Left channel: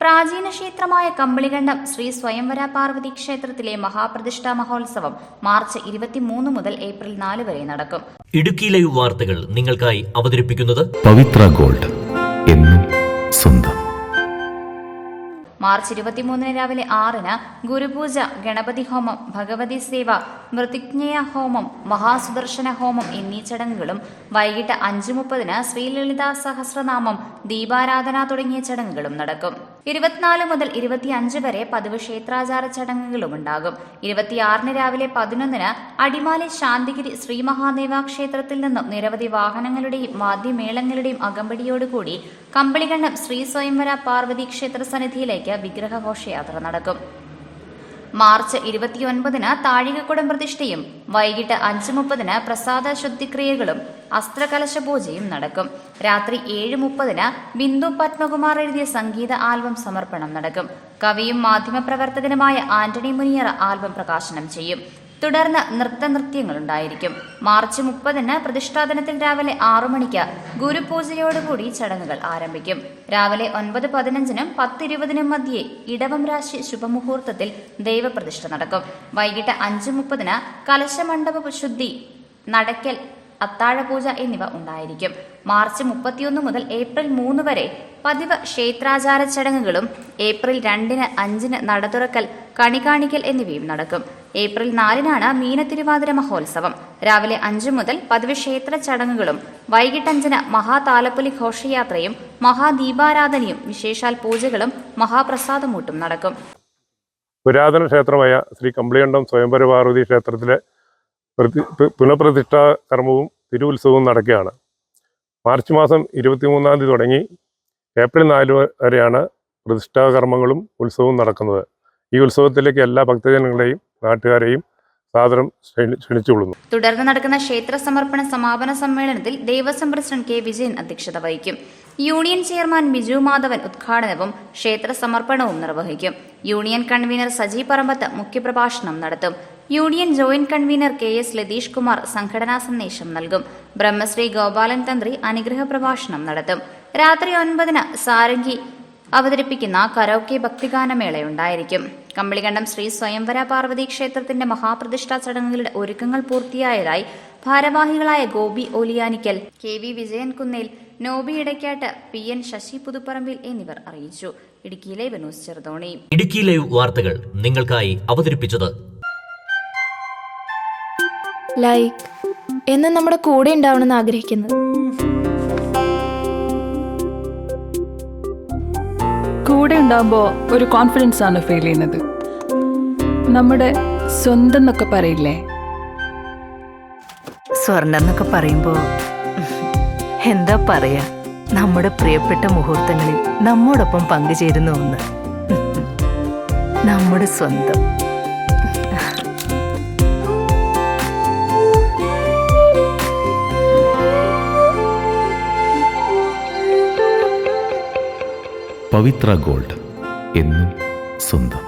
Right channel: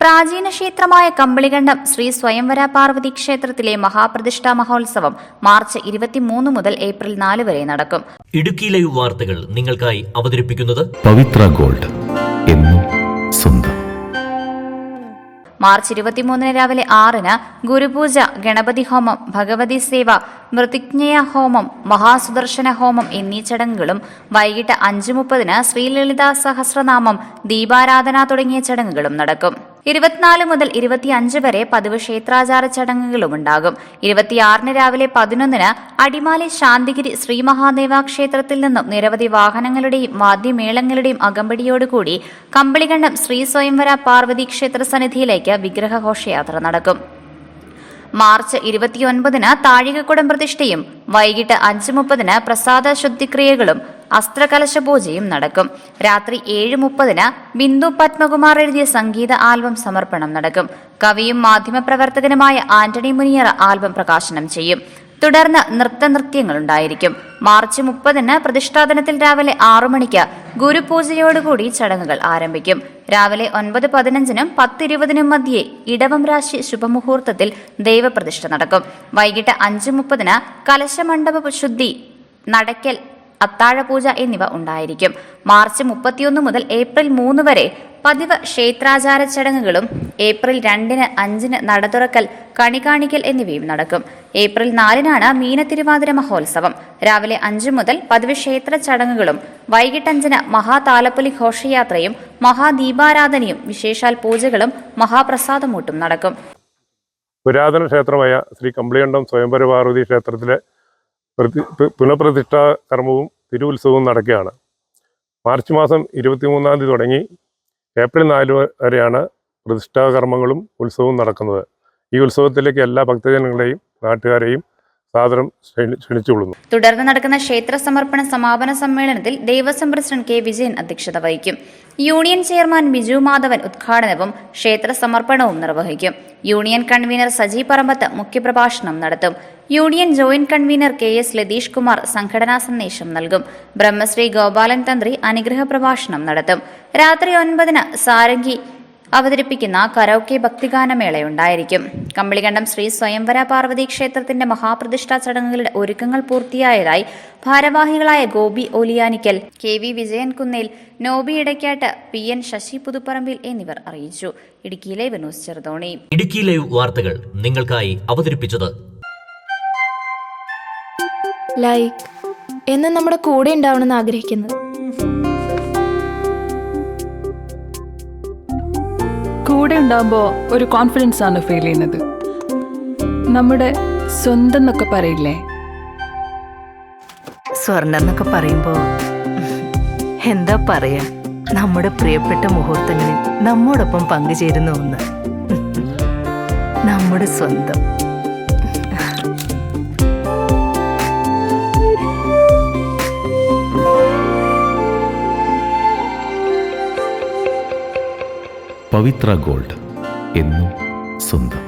പ്രാചീന ക്ഷേത്രമായ കമ്പളികണ്ഠം ശ്രീ സ്വയംവര പാർവതി ക്ഷേത്രത്തിലെ മഹാപ്രതിഷ്ഠാ മഹോത്സവം മാർച്ച് 23 മുതൽ ഏപ്രിൽ 4 വരെ നടക്കും. ഇടുക്കി ലൈവ് വാർത്തകൾ നിങ്ങൾക്കായി അവതരിപ്പിക്കുന്നത് പവിത്ര ഗോൾഡ്, എന്നും സ്വന്തം. മാർച്ച് 23 രാവിലെ 6 ഗുരുപൂജ, ഗണപതി ഹോമം, ഭഗവതി സേവ, മൃതിജ്ഞയ ഹോമം, മഹാസുദർശന ഹോമം എന്നീ ചടങ്ങുകളും വൈകിട്ട് 5:30 ശ്രീലളിതാ സഹസ്രനാമം, ദീപാരാധന തുടങ്ങിയ ചടങ്ങുകളും നടക്കും. 24 മുതൽ 25 വരെ പതിവ് ക്ഷേത്രാചാര ചടങ്ങുകളുമുണ്ടാകും. 26 രാവിലെ 11 അടിമാലി ശാന്തിഗിരി ശ്രീ മഹാദേവ ക്ഷേത്രത്തിൽ നിന്നും നിരവധി വാഹനങ്ങളുടെയും വാദ്യമേളങ്ങളുടെയും അകമ്പടിയോടുകൂടി കമ്പളികണ്ഠം ശ്രീ സ്വയംവര പാർവതി ക്ഷേത്ര സന്നിധിയിലേക്ക് വിഗ്രഹഘോഷയാത്ര നടക്കും. മാർച്ച് 29 താഴികക്കുടം പ്രതിഷ്ഠയും വൈകിട്ട് 5:30 പ്രസാദ ശുദ്ധിക്രിയകളും അസ്ത്രകലശ പൂജയും നടക്കും. രാത്രി 7:30 ബിന്ദു പത്മകുമാർ എഴുതിയ സംഗീത ആൽബം സമർപ്പണം നടക്കും. കവിയും മാധ്യമപ്രവർത്തകനുമായ ആന്റണി മുനിയറ ആൽബം പ്രകാശനം ചെയ്യും. തുടർന്ന് നൃത്യങ്ങളുണ്ടായിരിക്കും. മാർച്ച് 30 പ്രതിഷ്ഠാ ദിനത്തിൽ രാവിലെ 6 മണിക്ക് ഗുരുപൂജയോടുകൂടി ചടങ്ങുകൾ ആരംഭിക്കും. രാവിലെ 9:15 10:20 മധ്യേ ഇടവം രാശി ശുഭമുഹൂർത്തത്തിൽ ദൈവപ്രതിഷ്ഠ നടക്കും. വൈകിട്ട് 5:30 കലശമണ്ഡപ ശുദ്ധി, നടക്കൽ, അത്താഴപൂജ എന്നിവ ഉണ്ടായിരിക്കും. മാർച്ച് 31 മുതൽ ഏപ്രിൽ 3 വരെ പതിവ് ക്ഷേത്രാചാര ചടങ്ങുകളും ഏപ്രിൽ 2, 5 നട തുറക്കൽ, കണി കാണിക്കൽ എന്നിവയും നടക്കും. ഏപ്രിൽ 4 മീനത്തിരുവാതിര മഹോത്സവം. രാവിലെ 5 മുതൽ പതിവ് ക്ഷേത്ര ചടങ്ങുകളും വൈകിട്ട് 5 മഹാതാലപ്പൊലി ഘോഷയാത്രയും മഹാദീപാരാധനയും വിശേഷാൽ പൂജകളും മഹാപ്രസാദമൂട്ടും നടക്കും. പുരാതന ക്ഷേത്രമായ ശ്രീ കമ്പളികണ്ഠം സ്വയംവര പാർവതി ക്ഷേത്രത്തിലെ പുനഃപ്രതിഷ്ഠാ കർമ്മവും തിരുവുത്സവവും നടക്കുകയാണ്. മാർച്ച് മാസം 23 തുടങ്ങി ഏപ്രിൽ 4 വരെയാണ് പ്രതിഷ്ഠാ കർമ്മങ്ങളും ഉത്സവവും നടക്കുന്നത്. ഈ ഉത്സവത്തിലേക്ക് എല്ലാ ഭക്തജനങ്ങളെയും നാട്ടുകാരെയും സാദരം ക്ഷണിച്ചുകൊള്ളുന്നു. തുടർന്ന് നടക്കുന്ന ക്ഷേത്ര സമർപ്പണ സമാപന സമ്മേളനത്തിൽ ദേവസ്വം പ്രസിഡന്റ് കെ വിജയൻ അധ്യക്ഷത വഹിക്കും. യൂണിയൻ ചെയർമാൻ ബിജു മാധവൻ ഉദ്ഘാടനവും ക്ഷേത്ര സമർപ്പണവും നിർവഹിക്കും. യൂണിയൻ കൺവീനർ സജി പറമ്പത്ത് മുഖ്യപ്രഭാഷണം നടത്തും. Union joint convener K S Latheesh Kumar സംഘടനാ സന്ദേശം നൽകും. ബ്രഹ്മശ്രീ ഗോപാലൻ തന്ത്രി അനുഗ്രഹ പ്രഭാഷണം നടത്തും. രാത്രി 9 സാരംഗി അവതരിപ്പിക്കുന്ന കരോക്കെ ഭക്തിഗാനമേളയുണ്ടായിരിക്കും. കമ്പളികണ്ഠം ശ്രീ സ്വയംവര പാർവതി ക്ഷേത്രത്തിന്റെ മഹാപ്രതിഷ്ഠാ ചടങ്ങുകളുടെ ഒരുക്കങ്ങൾ പൂർത്തിയായതായി ഭാരവാഹികളായ Gopi Oliyanickal, K V Vijayan Kunnel, Noby Idaykkatt, P N Sasi Puthupparambil എന്നിവർ അറിയിച്ചു. Idukki live news Cheruthoni. Idukki live വാർത്തകൾ നിങ്ങൾക്കായി അവതരിപ്പിച്ചത് ലൈക്ക് എന്നും നമ്മുടെ കൂടെ ഉണ്ടാവണമെന്ന് ആഗ്രഹിക്കുന്നത്. കൂടെ ഉണ്ടാകുമ്പോൾ ഒരു കോൺഫിഡൻസ് ആണ് ഫീൽ ചെയ്യുന്നത്. നമ്മുടെ സ്വന്തം എന്നൊക്കെ പറയില്ലേ, സ്വർണ്ണം എന്നൊക്കെ പറയുമ്പോൾ എന്താ പറയാ, നമ്മുടെ പ്രിയപ്പെട്ട മുഹൂർത്തങ്ങളിൽ നമ്മോടൊപ്പം പങ്കുചേരുന്ന ഒന്ന്, നമ്മുടെ സ്വന്തം. പവിത്ര ഗോൾഡ്, എന്നും സ്വന്തം.